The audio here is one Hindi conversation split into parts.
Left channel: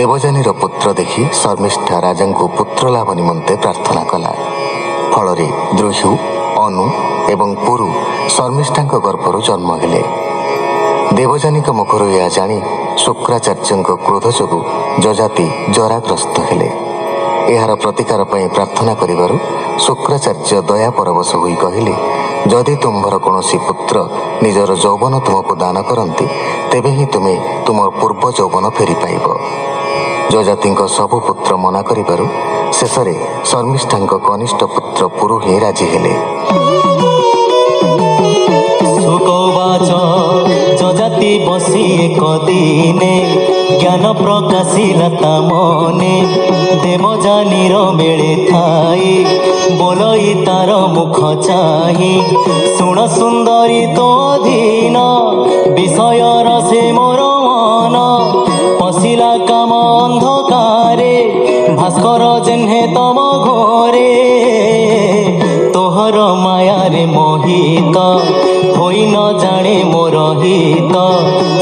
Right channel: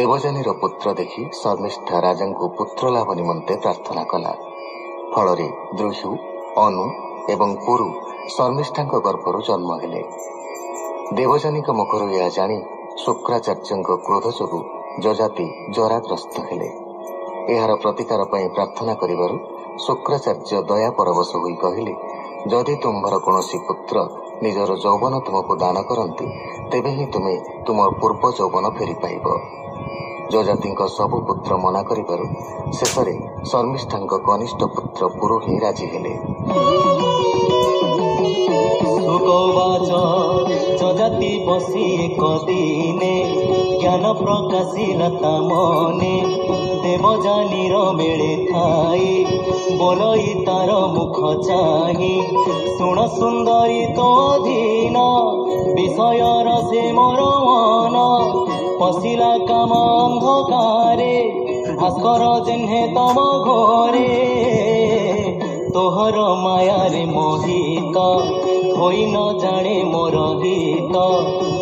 देवजानी पुत्र देखि शर्मिष्ठा राजा को पुत्र लाभ निमंते प्रार्थना कला। फल द्रुह्यु अनु एवं पुरु शर्मिष्ठा गर्भर जन्म हेले। देवजानी मुखर यह जानी शुक्राचार्य क्रोध जोगु जजाति जराग्रस्त हेले। यार प्रतिकार प्रार्थना करिबारु शुक्राचार्य दया परवश होई कहिले, जदि तुम्भर कौनसी पुत्र निजर यौवन तुमको दान करती तेबे ही तुमे तुम पूर्व यौवन फेरी पाइब। जजाति सबु पुत्र मना करिबारु शेषरे शर्मिष्ठा कनिष्ठ पुत्र पुरु ही राजी हेले। जजाति बसी एक दिने ज्ञान प्रकाशिला ता मने, देवजानीर मेले थाई बोलई तार मुख चाही, सुण सुंदरी तो अधीन विषयर से मोर मन, पशिला काम अंधकारे भास्कर जेन्हे तम घरे, तोहर मायारे मोहित होई न जाने मोर हित,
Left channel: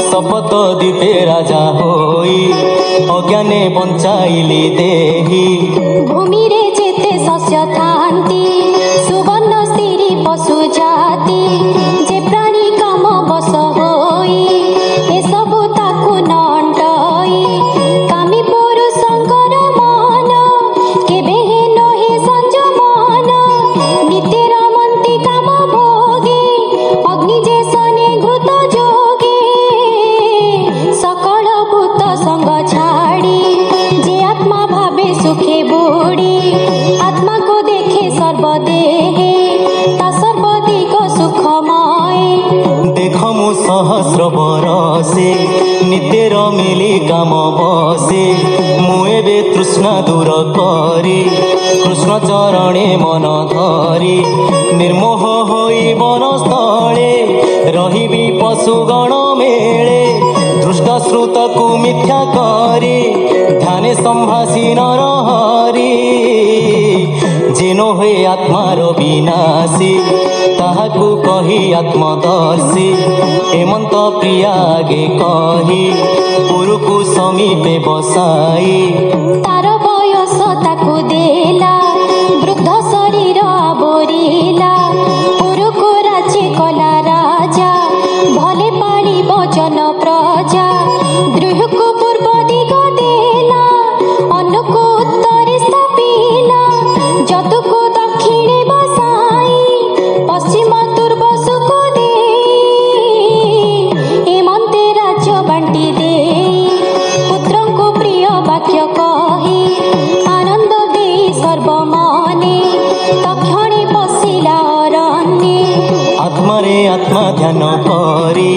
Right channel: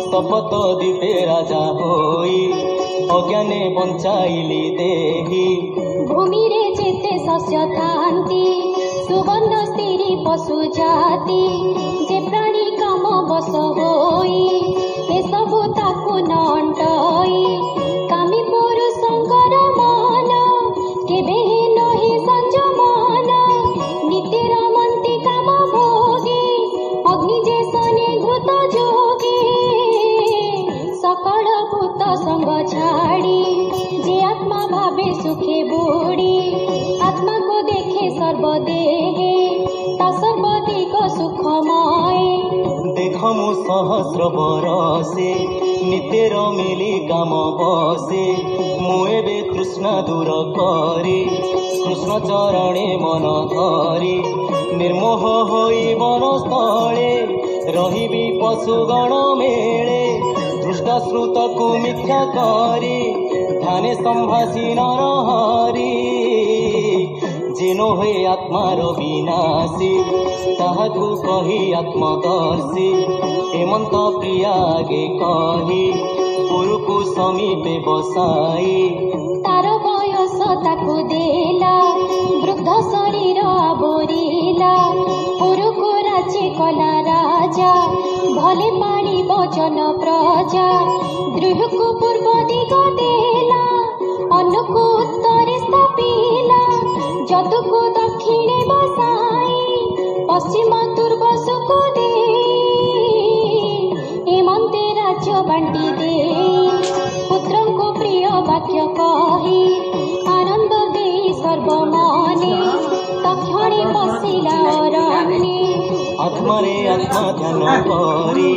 शपथ दीपे राजा होई अज्ञाने बंचाइली देही। भूमि रे जेते शस्य थांती सुवर्ण स्त्री पशु जाति, जे प्राणी काम बस होई ए सबु ताकु नंटई, कामी पुरुषंकर मन केबे हे नहे संजमन, नित्यर मंती काम भोगे अग्नि जे सने घृत जोगे, सकल भूत संग छाड़ी जे आत्मा भावे सुखे बुड़ी, आत्मा को देखे सर्वदेहे ता सर्वदिग सुखमय। देख मु सहस्र बरसे नित्यर मिली काम बसे, मुएबे तृष्णा दूर करी कृष्ण चरणे मन धरी, निर्मोह होई वनस्थले रहिबी पशुगण मेले, दृष्ट श्रुत को मिथ्या करी ध्याने संभाषी नर हरि, जेनो हुए आत्मार विनाशी ताहाकु कही आत्मदर्शी, हेमंत प्रिया आगे कही पुरुकु समीपे बसाई, तार बयस ताकु देला वृद्ध शरीर आवरिला, पुरुको राज्य कला राजा भले पाड़ी वचन प्रजा, द्रुहको पूर्व दिग देला अनुको उत्तरे स्थापिला, जतुको दक्षिणे बसाई पश्चिम दुर्बसुको देई, एमंते राज्य बांटी देई पुत्रको प्रिय वाक्य कही, आनंद देई सर्वमने तक्षणे पशिला अरण्ये। आत्मारे आत्मा ध्यान करी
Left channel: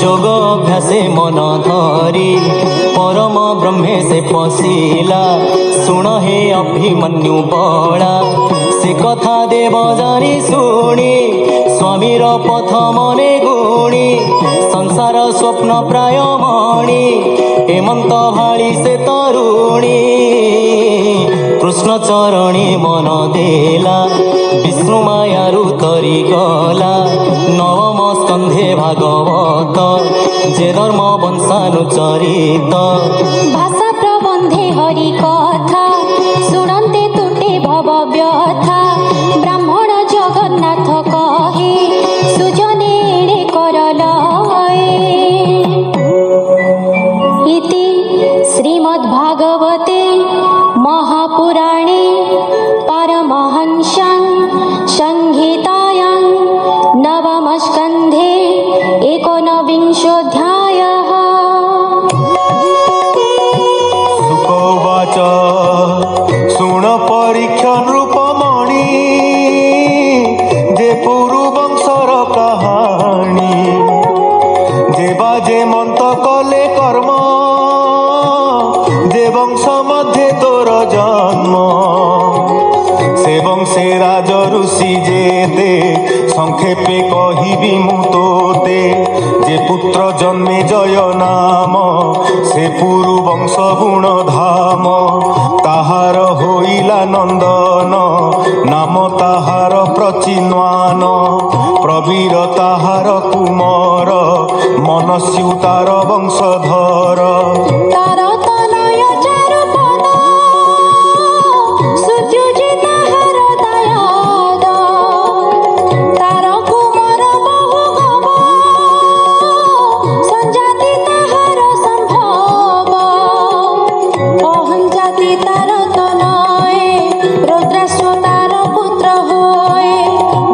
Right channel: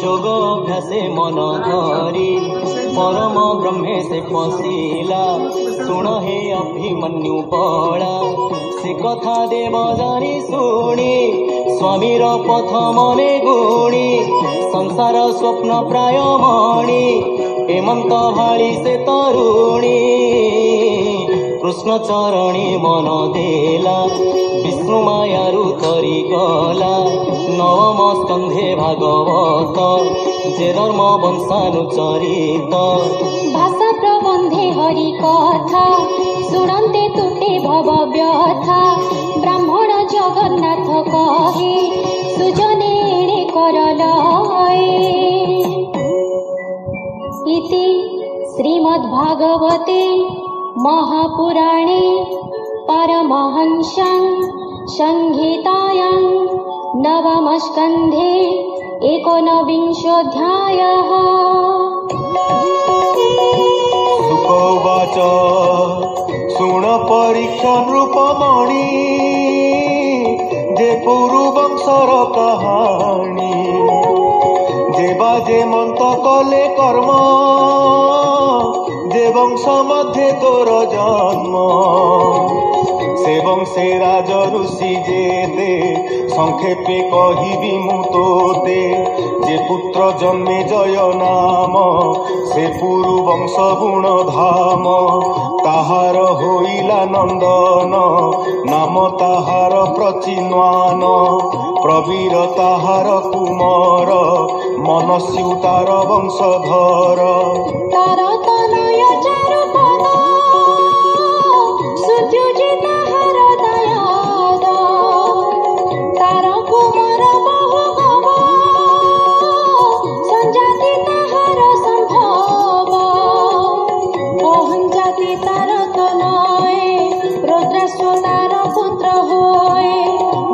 जोग अभ्यासे मन धरी, परम ब्रह्मे से पशिला सुण हे अभिमन्यु बड़ा, से कथा देव जानी शुणी स्वामीर पथ मने गुणी, संसार स्वप्न प्राय मणि हेमंत भाड़ी से तरुणी, कृष्ण चरणी मन देला विष्णु मायारु तरी गला, नवम स्कंधे भागवत जे धर्म वंशानुचरित, भाषा प्रबंधे हरि कथा शुणन्ते तुटे भव व्यथा, ब्राह्मण जगन्नाथ कहे सुजने एणे कर लये। इति श्रीमद्भागवते महापुराणे परमहंस्यां संहितायां नवमस्कन्धे তোতে যে পুত্র জন্মে জয় নাম সে পুরু বংশ গুণ ধাম তাহার হইলা নন্দন নাম তাহার প্রচিন্বান প্রবীর তাহার কুমর মনস্যু তার বংশধর তার তনয় চারুপদ সুজুজি তাহার দয়াদ তার কুমার বহু গব সঞ্জাতি তাহার সম্ভব অহঞ্জাতি তার তনয়ে রুদ্রাশ্ব তার পুত্র হয়ে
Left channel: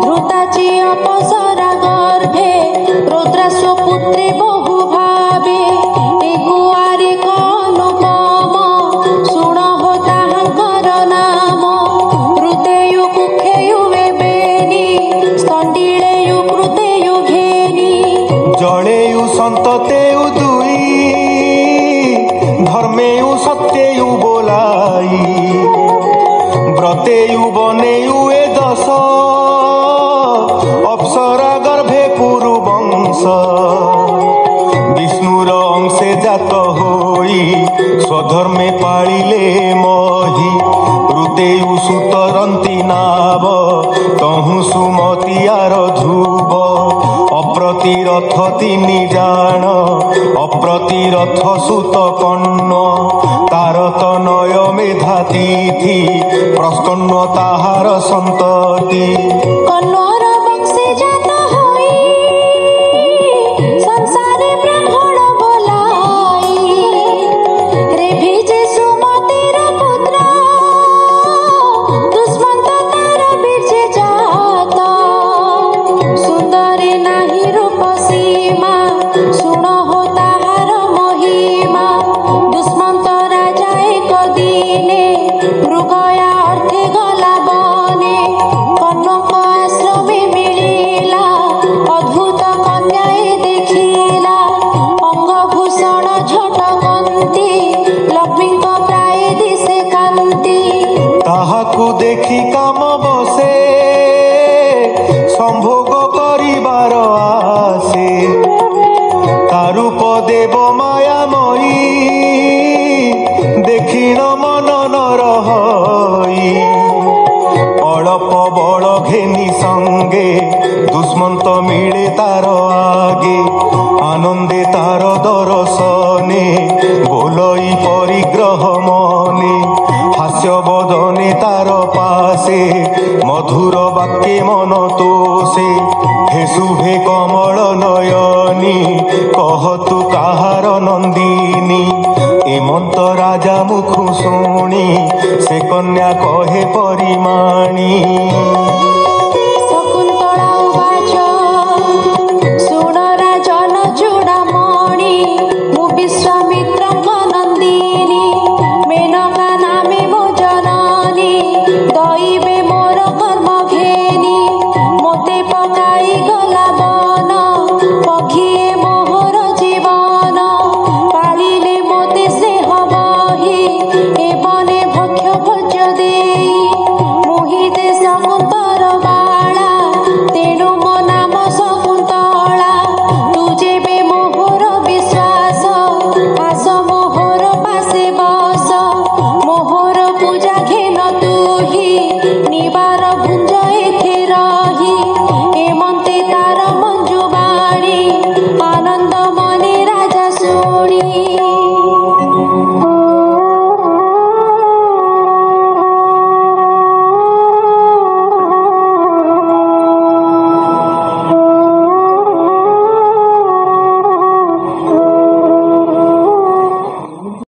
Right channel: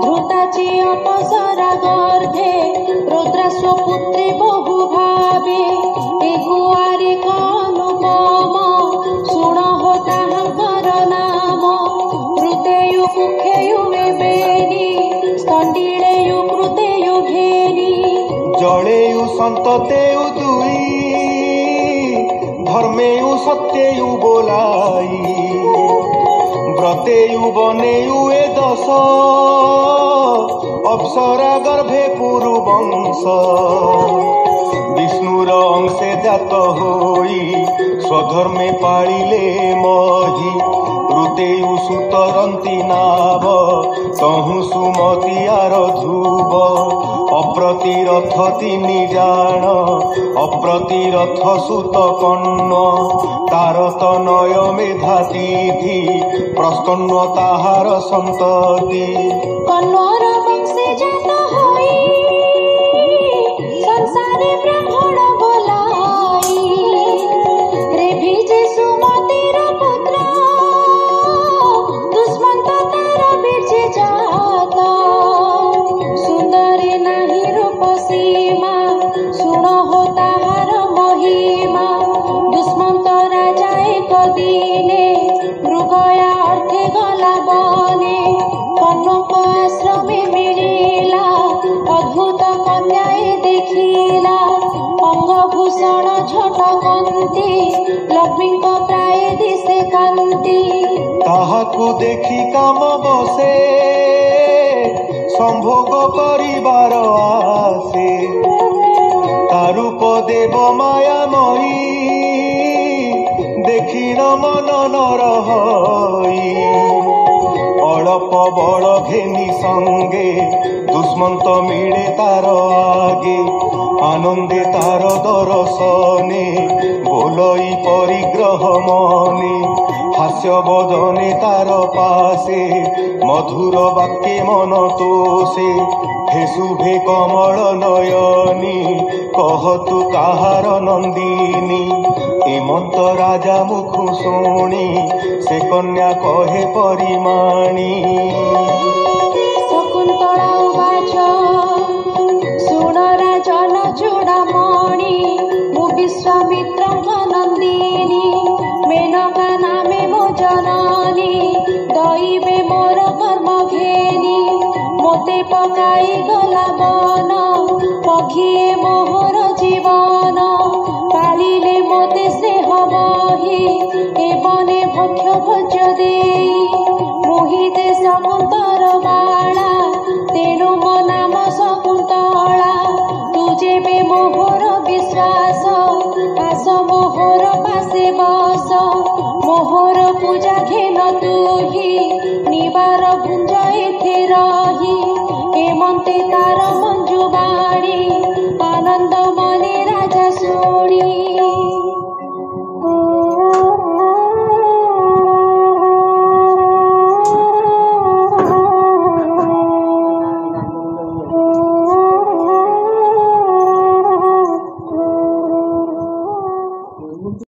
ধ্রুতাচি অপসরা গর্ভে রুদ্রাশ্ব পুত্রী বহু ভাবে এগুয়ারি অনুপম শুণহ তাহাଙ୍କର নাম ହୃଦୟୁ କୁକ୍ଷେୟୁ ବେବେନି ସ୍ତଣ୍ଡିଳେୟୁ କୃତେୟୁ ଘେନି জলেয়ু সন্ততেয়ু দুই ধর্মেয়ু সত্যেয়ু বোলাই ব্রতেয়ু বনেয়ু এ দশ অপ্সরা গর্ভে পুরু বংশ বিষ্ণুর অংশে জাত হই স্বধর্মে পাଳିলে মহি ঋতেয়ু সুতরন্তি নাব তহু সুমতিয়ার ধ্রুব অপ্রতিরথ তিনি জাণ অপ্রতিরথ সুত কর্ণ তার তনয় মেধা তিথি প্রস্কন্ন তাহার সন্ততি কন্নর বংশে জাত হই সংসারে ব্রাহ্মণ বলাই রেভি যে সুমতির পুত্র দুষ্মন্ত তার বীর্যে জাত সুন্দরে নাহি রূপ সীমা শুণহ তাহার মহিমা দুষ্মন্ত রাজা এক দিনে মৃগয়া অর্থে গলা বনে কনক আশ্রমে মিলিলা অদ্ভুত কন্যায় দেখিলা অঙ্গভূষণ ঝটকন্তি লক্ষ্মীଙ୍କ প্রায় দিশে কান্তি তাহাকু দেখি কাম বসে সম্ভোগ করিবার আসে তারূপ দেব মায়াময়ী দেখিন মন নর হই অଳପ বଳ ঘেনি সঙ্গে দুষ্মন্ত মিলে তার আগে আনন্দে তার দর্শনে বোলই পরিগ্রহ মনে হাস্য বদনে তার পাশে মধুর বাক্যে মন তোষে হে শুভে কমল নয়নী কহ তু কাহার নন্দিনী এমন্ত রাজা মুখ শুনি সে কন্যা কহে পরিমাণী